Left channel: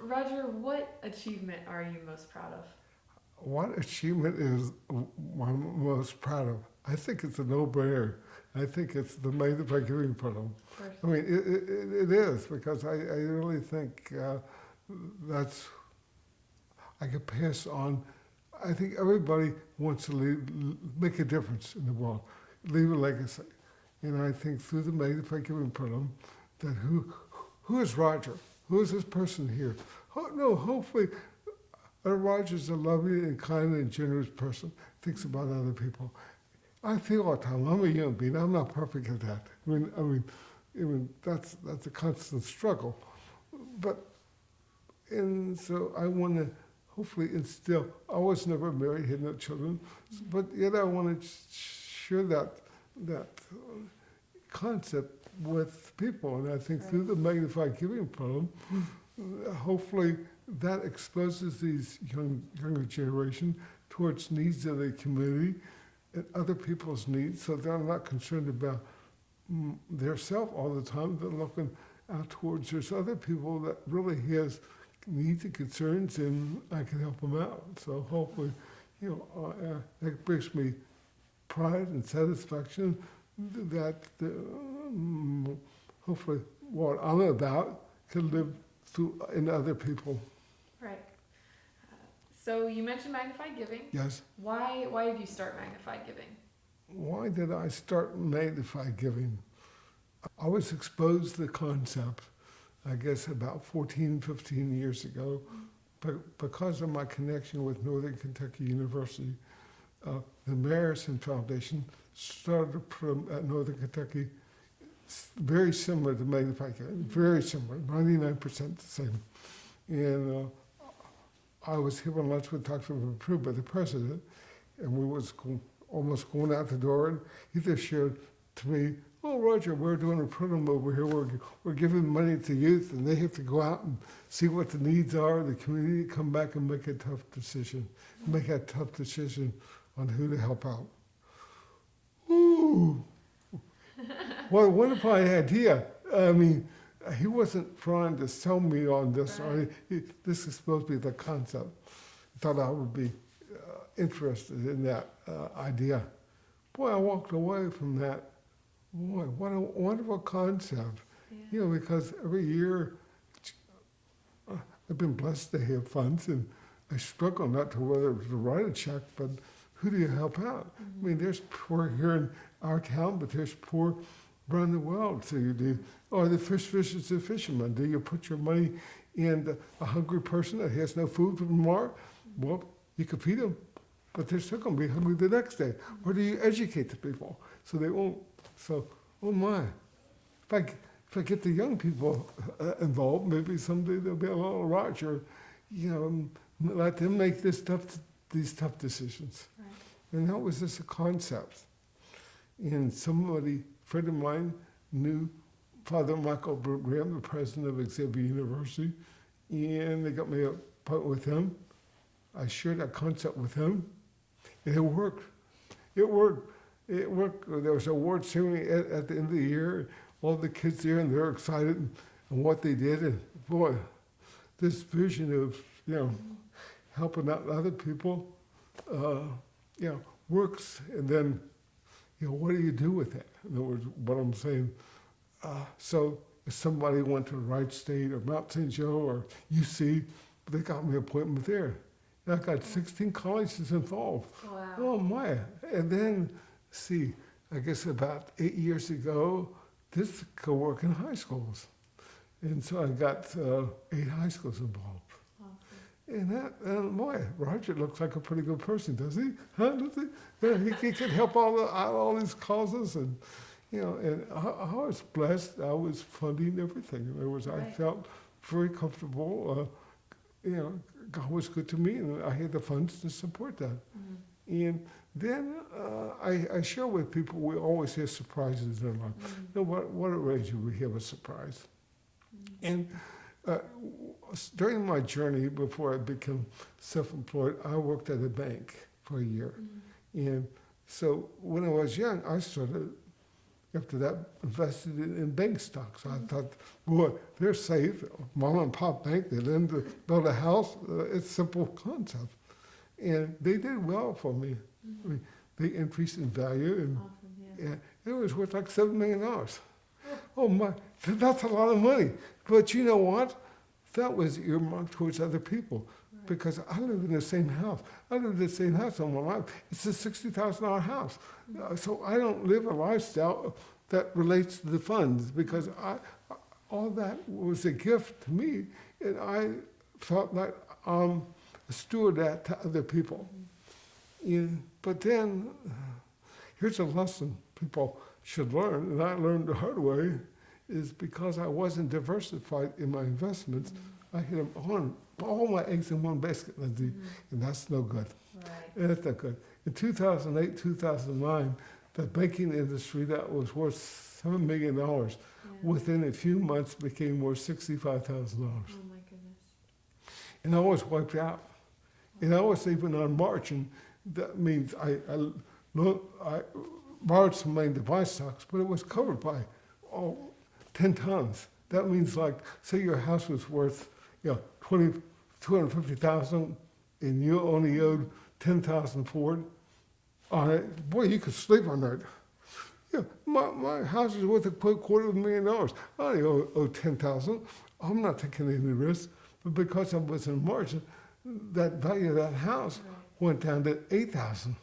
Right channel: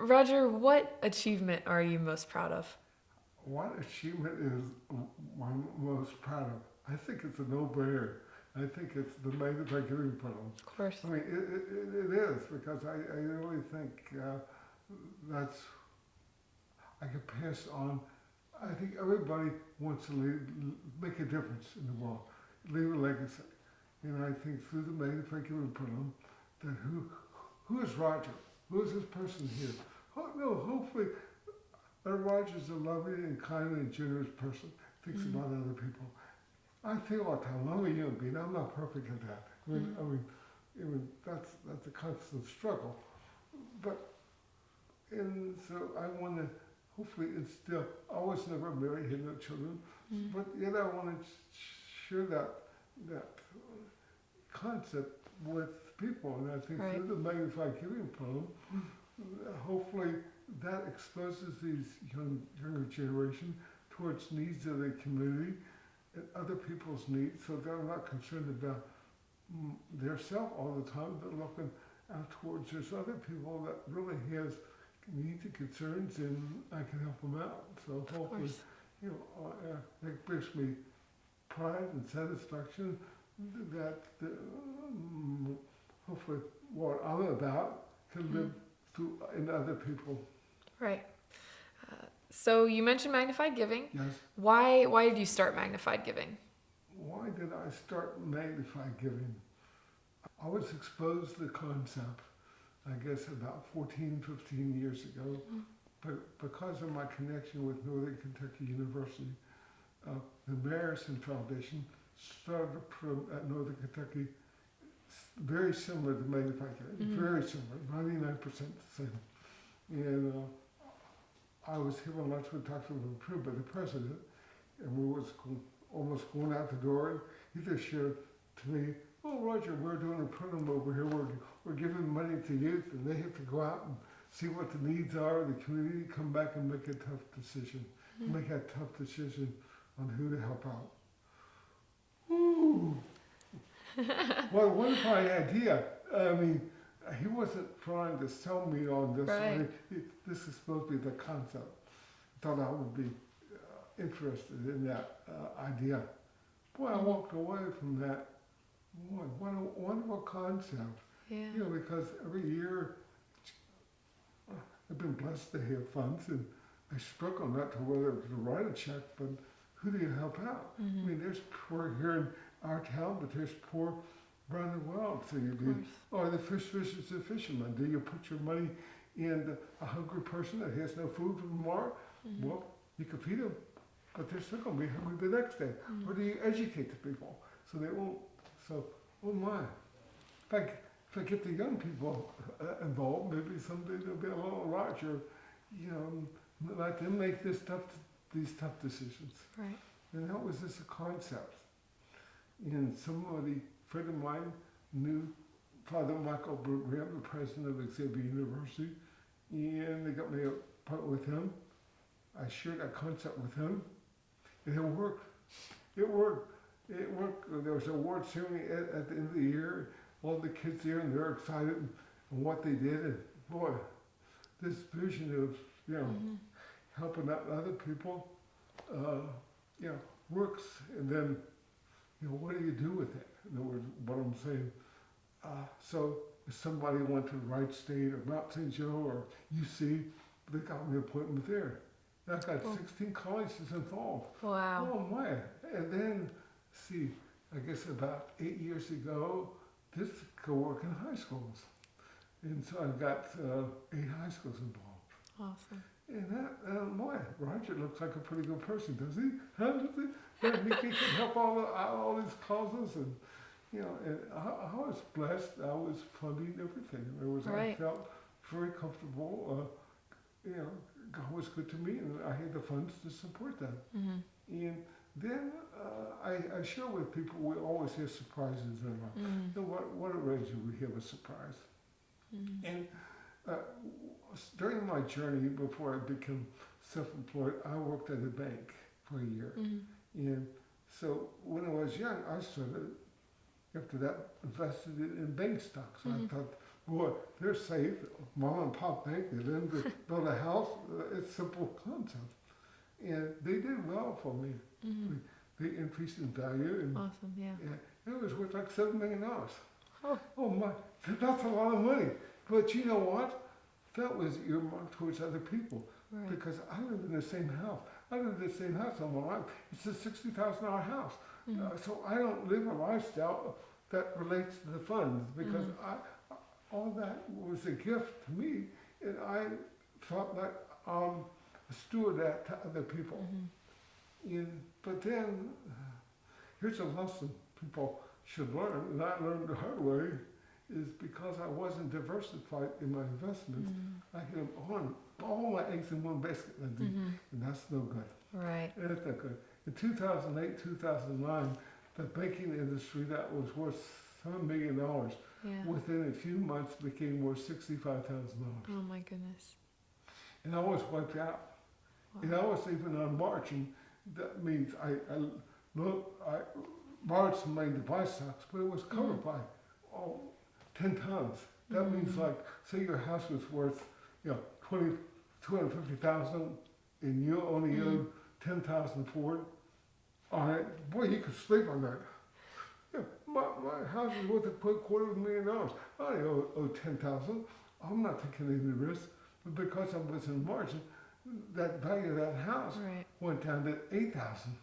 Roger, what achievement are you most proud of? What achievement is one I'm most proud of? I think it's a no-brainer. I think it's the Magnify Giving Program. Of course. I mean, it is because I really think that's I could pass on. I think everybody wants to make a difference in the world, leave a legacy. And I think through the Magnify Giving Program, that who is Roger? Who is this person here? Oh, no, hopefully Roger's a loving and kind and generous person, thinks about other people. I feel all the time, I'm a human being, I'm not perfect at that. I mean, that's a constant struggle. But, and so I want to hopefully instill, I was never married, had no children, but yet I want to share that concept with people. And I think through the Magnified Giving Program, hopefully that exposes these younger generation towards needs of the community and other people's needs, so they're not concerned about their self all the time. They're looking out towards there's other people that really has needs and concerns, and I can help them out. So hopefully, that brings me pride and satisfaction that hopefully what I'm about can live through in other people. Right. So you mentioned Magnified Giving. Yes. Why did you start Magnified Giving? Why did I start Magnified Giving? I was exposed to the concept, I guess, about 14, 15 years ago, but because of my connection with Northern Kentucky University, the Marison Foundation started a program at Northern Kentucky very similar to Magnified Giving, very similar, 99% the same. And I was having lunch with Dr. Approved by the president, and we was almost going out the door, and he just shared to me, "Oh, Roger, we're doing a program over here. We're giving money to youth, and they have to go out and see what the needs are of the community, come back and make a tough decision, make a tough decision on who to help out." Ooh, what a wonderful idea! I mean, he wasn't trying to sell me on this. Right. This is supposed to be the concept. I thought I would be interested in that idea. Boy, I walked away from that. Boy, what a wonderful concept. Yeah. Because every year I've been blessed to have funds, and I struggle not to whether to write a check, but who do you help out? I mean, there's poor here in our town, but there's poor around the world. So you do, or the fisher's a fisherman. Do you put your money in a hungry person that has no food for tomorrow? Well, you could feed them, but they're still going to be hungry the next day. Or do you educate the people so they won't? So, oh my! If I get the young people involved, maybe someday there'll be a little Roger. Let them make these tough decisions. Right. And that was just a concept. And friend of mine, knew Father Michael Graham, the president of Xavier University, and they got me a appointment with him. I shared that concept with him, and it worked. It worked. It worked. There was an award ceremony at the end of the year. All the kids there, and they're excited and what they did. And boy, this vision of helping out other people, works. And then, what do you do with it? In other words, what I'm saying. So if somebody went to Wright State or Mount St. Joe or UC, they got me an appointment there. And I got 16 colleges involved. Wow. Oh my! And then, I guess about 8 years ago, this could work in high schools. And so I got 8 high schools involved. Awesome. And boy, Roger looks like a pretty good person, does he? Huh? Does he? He can help all these causes, and and I was blessed. I was funding everything. In other words, I felt very comfortable. God was good to me, and I had the funds to support that. And then I share with people, we always have surprises in life. What arrangement we have a surprise. And during my journey, before I became self-employed, I worked at a bank for a year. And so when I was young, I started after that, invested in bank stocks. I thought, boy, they're safe. Mom and pop bank, they lend to build a house. It's a simple concept. And they did well for me. I mean, they increased in value, and Awesome, yeah. it was worth like $7 million. Oh. Oh my, that's a lot of money. But you know what? That was earmarked towards other people Right. because I live in the same house. I live in the same house all my life. It's a $60,000 house. So I don't live a lifestyle that relates to the funds because all that was a gift to me, and I felt like I'm a steward that to other people. But then, here's a lesson people should learn, and I learned the hard way, is because I wasn't diversified in my investments, I hit them on all my eggs in one basket, Lindsay, and that's no good. Right. That's not good. In 2008, 2009, the banking industry that was worth $7 million Yeah. within a few months became worth $65,000. Oh my goodness. And I was wiped out. And I was even on margin. That means I borrowed some money to buy stocks, but it was covered by 10 tons. That means like, say your house was worth, 250,000, and you only owed 10,000 for it on it. Boy, you could sleep on that. Yeah, my house is worth $250,000. I only owe 10,000. I'm not taking any risk, but because I was in margin, that value of that house Right. went down to 8,000.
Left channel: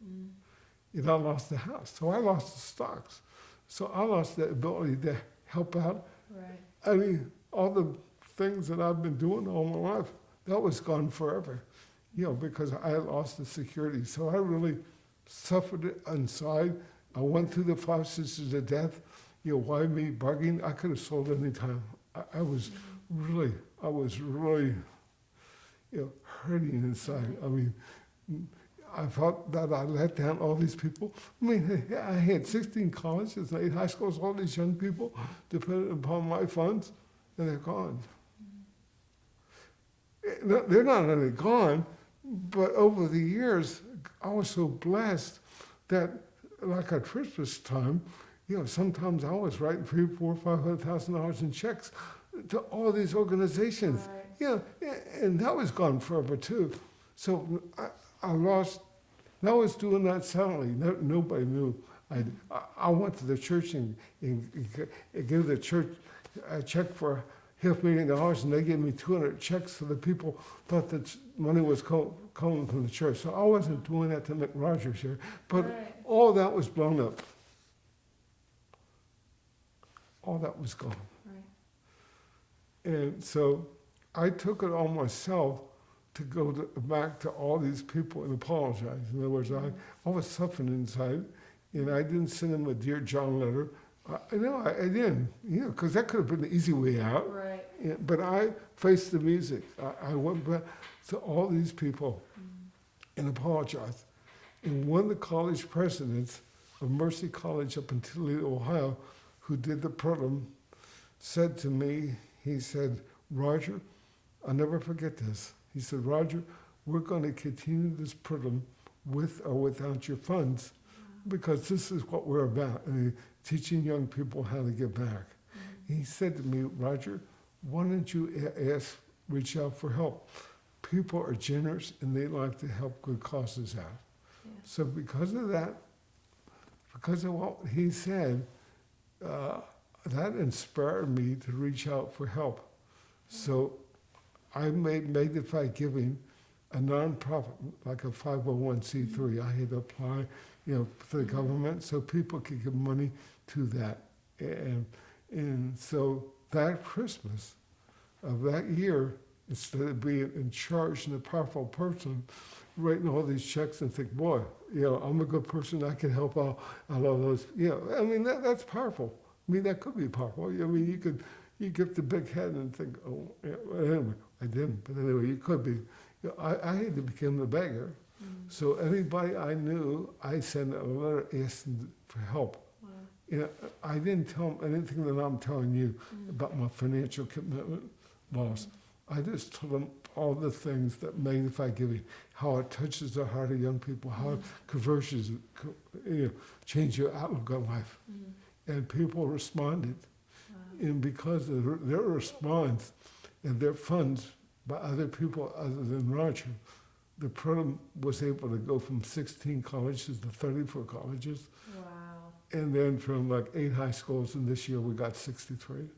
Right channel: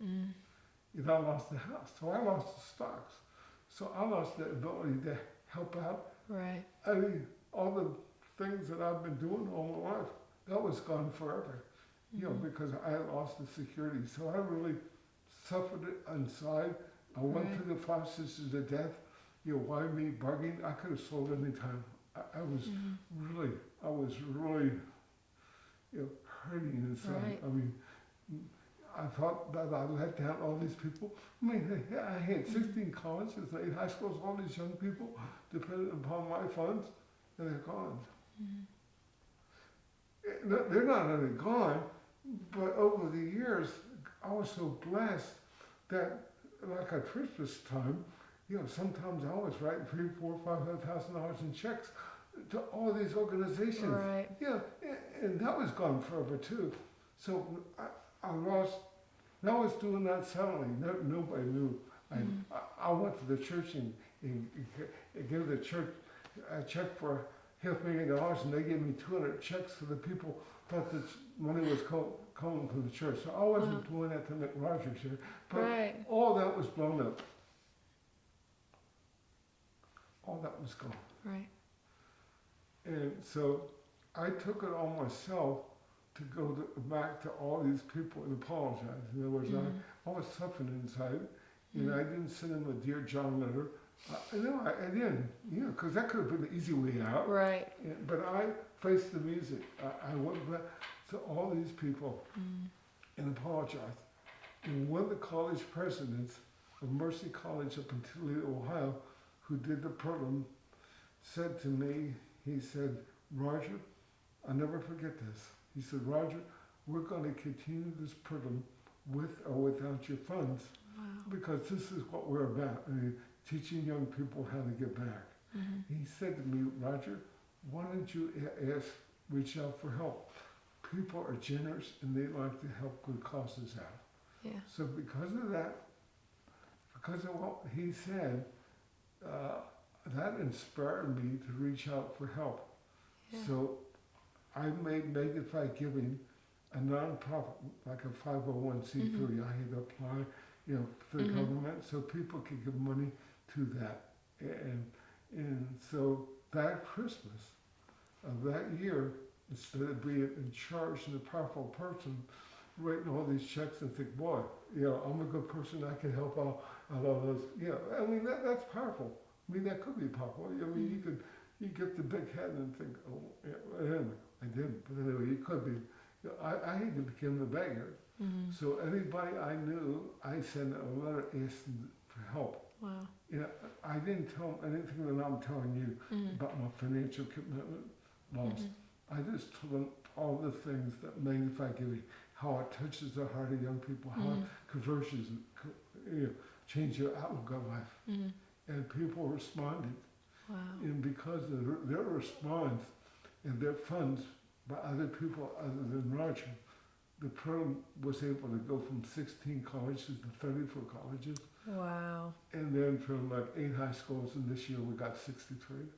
And I lost the house, so I lost the stocks. So I lost the ability to help out. Right. I mean, all the things that I've been doing all my life, that was gone forever, because I lost the security. So I really suffered it inside. I went through the 5 sisters of death. Why me bargaining? I could have sold any time. I was really, hurting inside. Right. I mean, I felt that I let down all these people. I mean, I had 16 colleges and 8 high schools, all these young people dependent upon my funds, and they're gone. They're not only gone, but over the years, I was so blessed that, like at Christmas time, sometimes I was writing $300,000, $400,000, $500,000 in checks to all these organizations. Right. And that was gone forever too. So I lost. And I was doing that silently. Nobody knew. I went to the church and gave the church a check for $500,000, and they gave me 200 checks for the people thought that money was coming from the church. So I wasn't doing that to make Rogers here, but all that was blown up. All that was gone. Right. And so I took it on myself to go back to all these people and apologize. In other words, I was suffering inside, and I didn't send them a Dear John letter. I didn't, because that could have been the easy way out. Right. But I faced the music. I went back to all these people and apologized. And one of the college presidents of Mercy College up in Toledo, Ohio, who did the program, said to me, he said, Roger, I'll never forget this. He said, Roger, we're going to continue this program with or without your funds, because this is what we're about, teaching young people how to give back. He said to me, Roger, why don't you reach out for help? People are generous and they like to help good causes out. Yeah. So because of that, because of what he said, that inspired me to reach out for help. Yeah. So I made Magnify Giving a nonprofit, like a 501c3. I had to apply, to the government so people could give money to that. And so that Christmas of that year, instead of being in charge and a powerful person, writing all these checks and think, boy, I'm a good person, I can help out a lot of those. That's powerful. That could be powerful. You get the big head and think, anyway, I didn't, but anyway, you could be. I had to become the beggar. So anybody I knew, I sent a letter asking for help. Wow. I didn't tell them anything that I'm telling you about my financial commitment loss. I just told them all the things that Magnify Giving, how it touches the heart of young people, how it conversions, change your outlook on life. and people responded. Wow. And because of their response and their funds by other people other than Roger, the program was able to go from 16 colleges to 34 colleges, Wow. and then from like 8 high schools, and this year we got 63.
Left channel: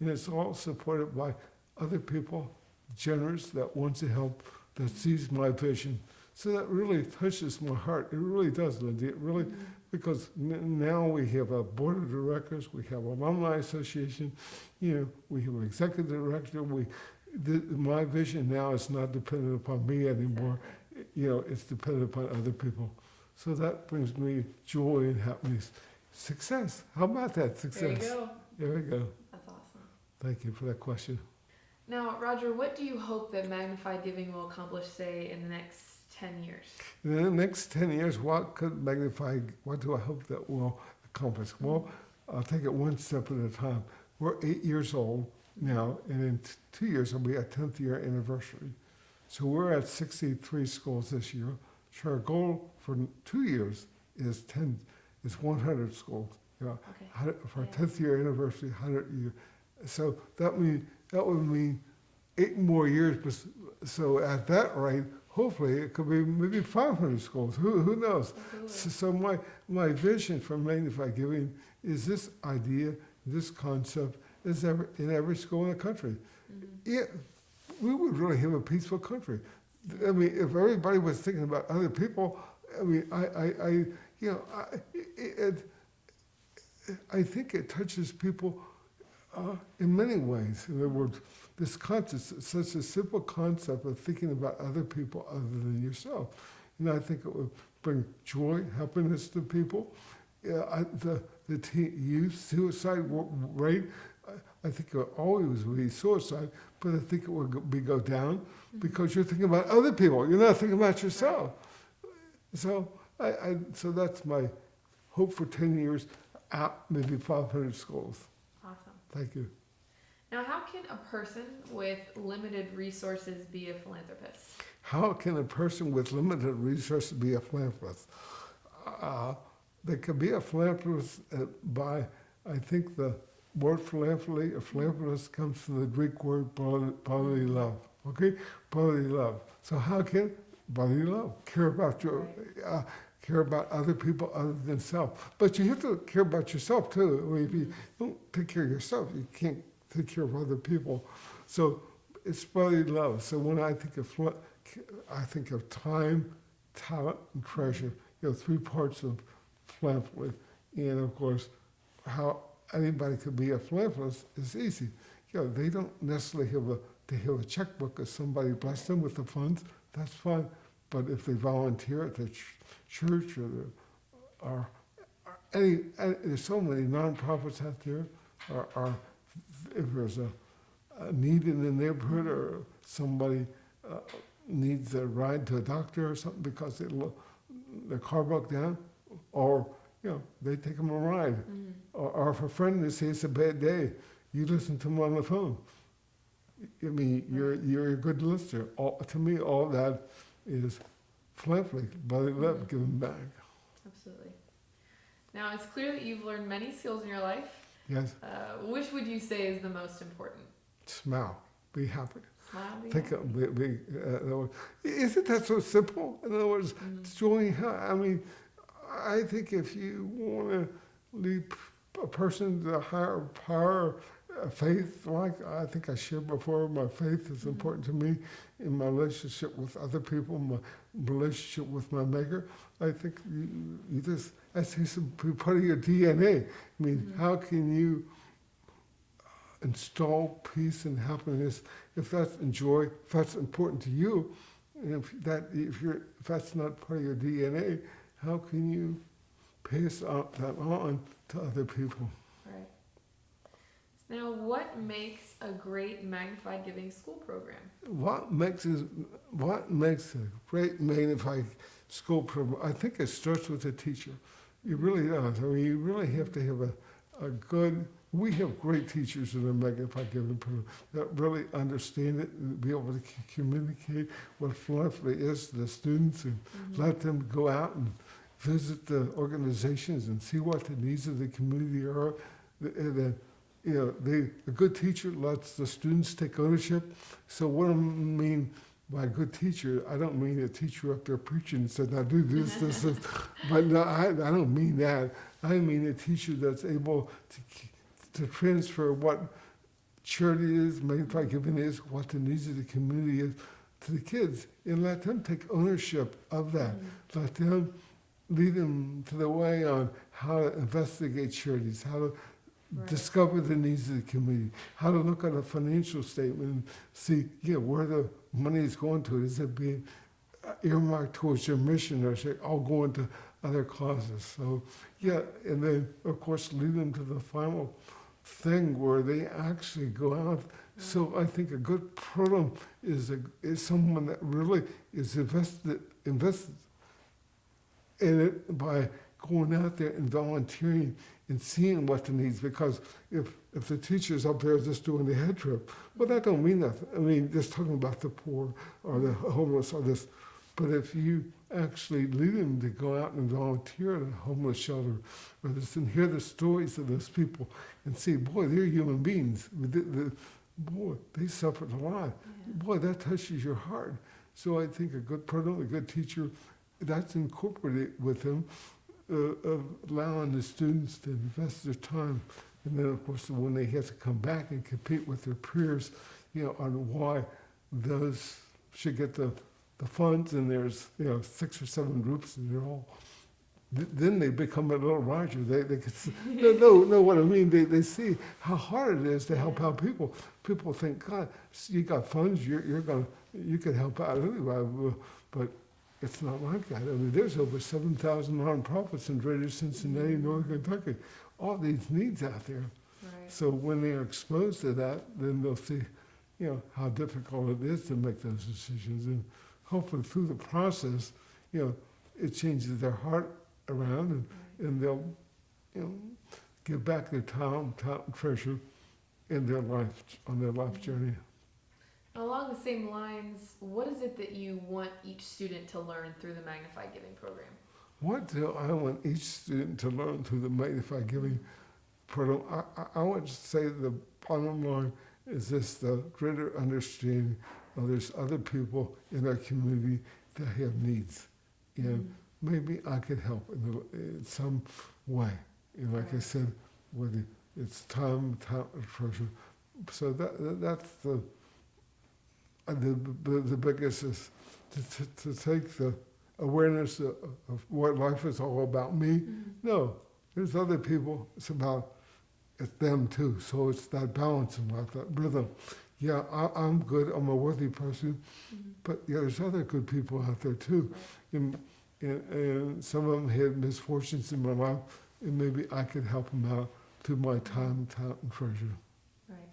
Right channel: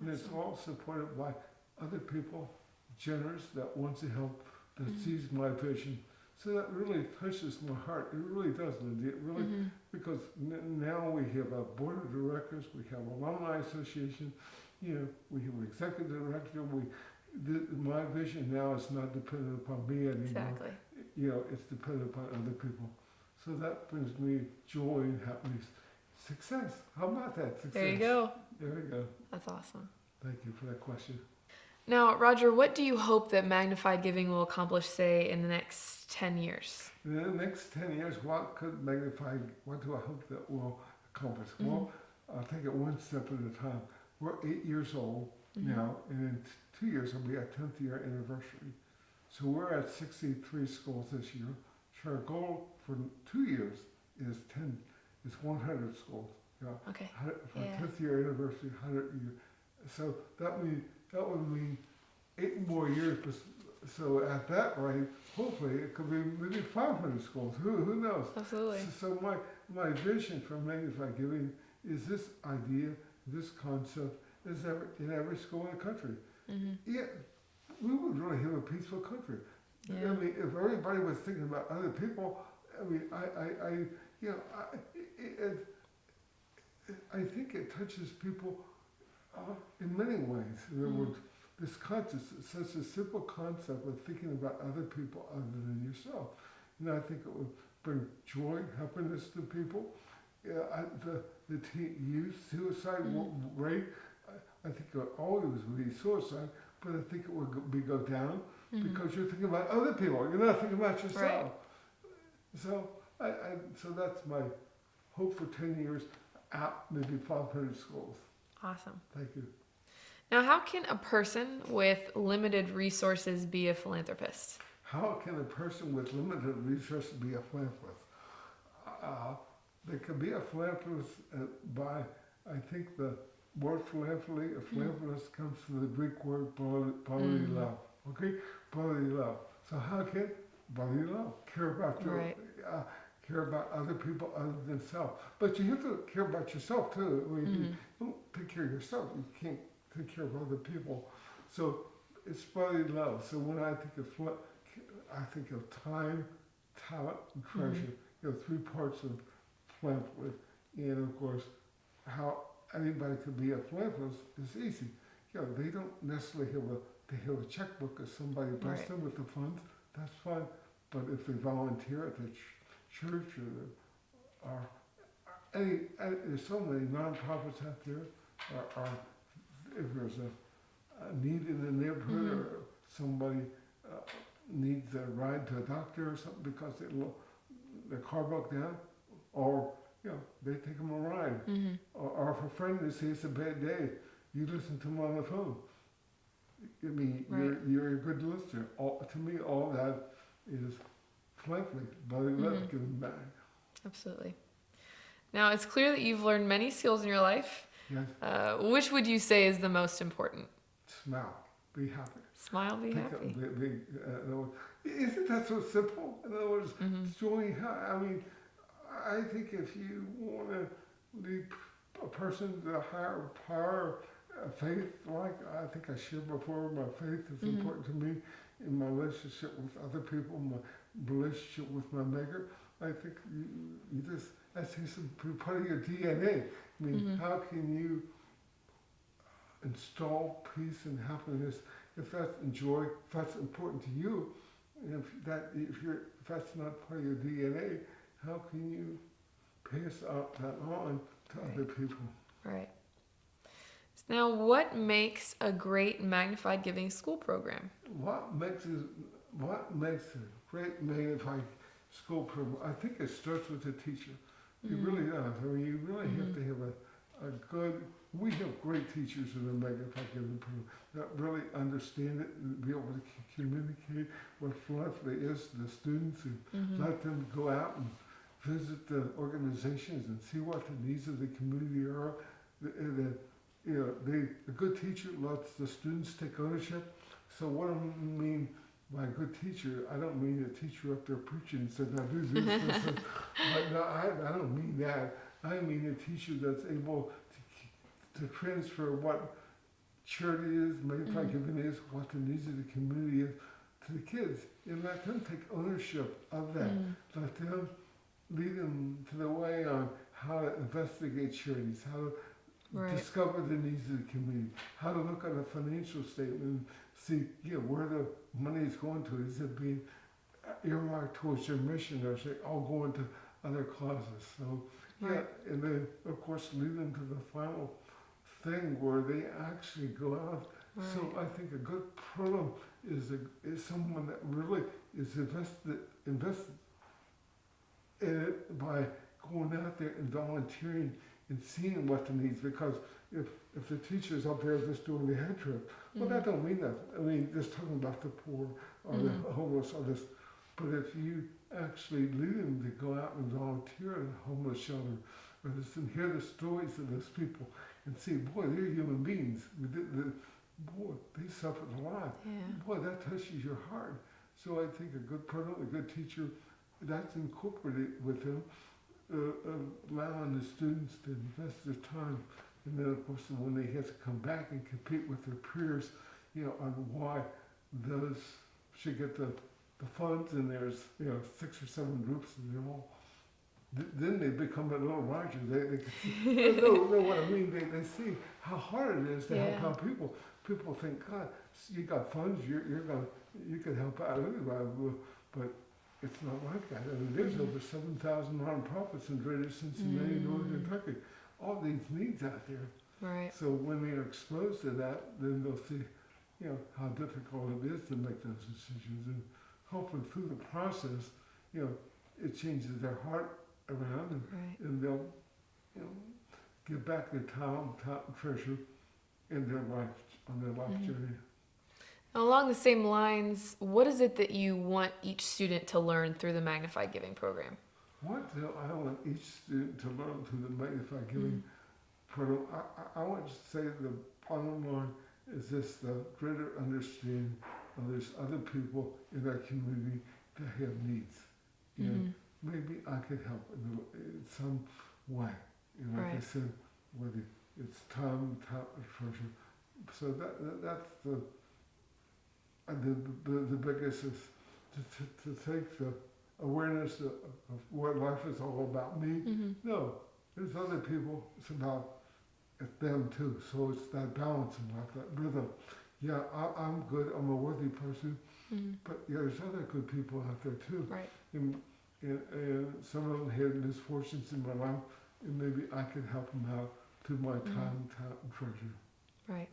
And it's all supported by other people, generous, that wants to help, that sees my vision. So that really touches my heart. It really does, Lindy. It really, because now we have a board of directors, we have alumni association, we have an executive director. My vision now is not dependent upon me anymore. Exactly. It's dependent upon other people. So that brings me joy and happiness. Success. How about that? Success. There you go. There we go. That's awesome. Thank you for that question. Now, Roger, what do you hope that Magnified Giving will accomplish, say, in the next 10 years? In the next 10 years, what do I hope that will accomplish? Well, I'll take it one step at a time. We're 8 years old now, and in 2 years will be our 10th year anniversary. So we're at 63 schools this year. So our goal for 2 years is 100 schools. Okay. For our 10th year anniversary, 100 year. So that would mean 8 more years. So at that rate, hopefully it could be maybe 500 schools. Who knows? Absolutely. So my vision for Magnified Giving is this idea, this concept is in every school in the country. We would really have a peaceful country. Yeah. I mean, if everybody was thinking about other people, I mean, I think it touches people in many ways. In other words, this concept, such a simple concept of thinking about other people other than yourself. I think it would bring joy, happiness to people. The youth suicide rate, I think it would always be suicide, but I think it would go down because you're thinking about other people. You're not thinking about yourself. Right. So that's my hope for 10 years, maybe 500 schools. Awesome. Thank you. Now, how can a person with limited resources be a philanthropist? How can a person with limited resources be a philanthropist? They can be a philanthropist by, I think the word philanthropy, a philanthropist comes from the Greek word brotherly love. Okay? Brotherly love. So how can brotherly love care about care about other people other than self? But you have to care about yourself too. I mean, if you don't take care of yourself, you can't take care of other people. So it's brotherly love. So when I think of time, talent, and treasure. 3 parts of philanthropy. And of course, how anybody could be a philanthropist is easy. They don't necessarily have a checkbook if somebody blessed them with the funds. That's fine. But if they volunteer at the church or there's so many nonprofits out there, or if there's a need in the neighborhood or somebody needs a ride to a doctor or something because their car broke down, or they take them a ride. Or if a friend they say it's a bad day, you listen to them on the phone. I mean, you're a good listener. To me, all that is philanthropy, but I love giving back. Absolutely. Now, it's clear that you've learned many skills in your life. Yes. Which would you say is the most important? Smile. Be happy. Smile, be Think happy. Isn't that so simple? In other words, joy. I mean, I think if you want to lead a person to a higher power, faith, like I think I shared before, my faith is important to me in my relationship with other people, my relationship with my maker. I think you just, that's part of your DNA. I mean, how can you install peace and happiness if that's joy, if that's important to you, and if that's not part of your DNA, how can you pass that on to other people? Right. So now, what makes a great Magnified Giving school program? What makes a great Magnified school program? I think it starts with the teacher. It really does. I mean, you really have to have a good. We have great teachers in the Magnified Giving program that really understand it and be able to communicate what philanthropy is to the students and let them go out visit the organizations and see what the needs of the community are. And then, a good teacher lets the students take ownership. So what I mean by a good teacher, I don't mean a teacher up there preaching and said, now do this. But no, I don't mean that. I mean a teacher that's able to transfer what charity is, magnify giving is, what the needs of the community is to the kids, and let them take ownership of that. Let them lead them to the way on how to investigate charities, how to discover the needs of the community, how to look at a financial statement and see, where the money is going to. Is it being earmarked towards your mission, or is it all going to other causes? So, and then, of course, lead them to the final thing where they actually go out. So I think a good program is someone that really is invested in it by going out there and volunteering and seeing what the needs. Because if the teacher's up there just doing the head trip, well, that don't mean nothing. I mean, just talking about the poor or the homeless or this. But if you actually lead them to go out and volunteer at a homeless shelter, or just and hear the stories of those people and see, boy, they're human beings. Boy, they suffered a lot. Boy, that touches your heart. So I think a good program, a good teacher, that's incorporated with them, allowing the students to invest their time. And then, of course, when they have to come back and compete with their peers, on why those should get the funds, and there's 6 or 7 groups, and they're all. Then they become a little larger. They can see, no. What I mean, they see how hard it is to help out people. People think, God, you got funds, you can help out anybody, but it's not like that. I mean, there's over 7,000 nonprofits in Greater Cincinnati, Northern Kentucky. All these needs out there. Right. So when they are exposed to that, then they'll see, how difficult it is to make those decisions, and hopefully through the process, it changes their heart around, and they'll, give back their talent and treasure in their life, on their life journey. Along the same lines, what is it that you want each student to learn through the Magnified Giving program? What do I want each student to learn through the Magnified Giving program? I want to say the bottom line is this: the greater understanding of there's other people in our community that have needs, and maybe I can help in some way. And like I said, whether it's time, talent, or treasure. So that's the biggest is to take the awareness of what life is all about me. No, there's other people. It's them too. So it's that balance in life, that rhythm. Yeah, I'm good. I'm a worthy person, but there's other good people out there too. Right. And some of them had misfortunes in my life, and maybe I could help them out through my time, talent, and treasure. Right.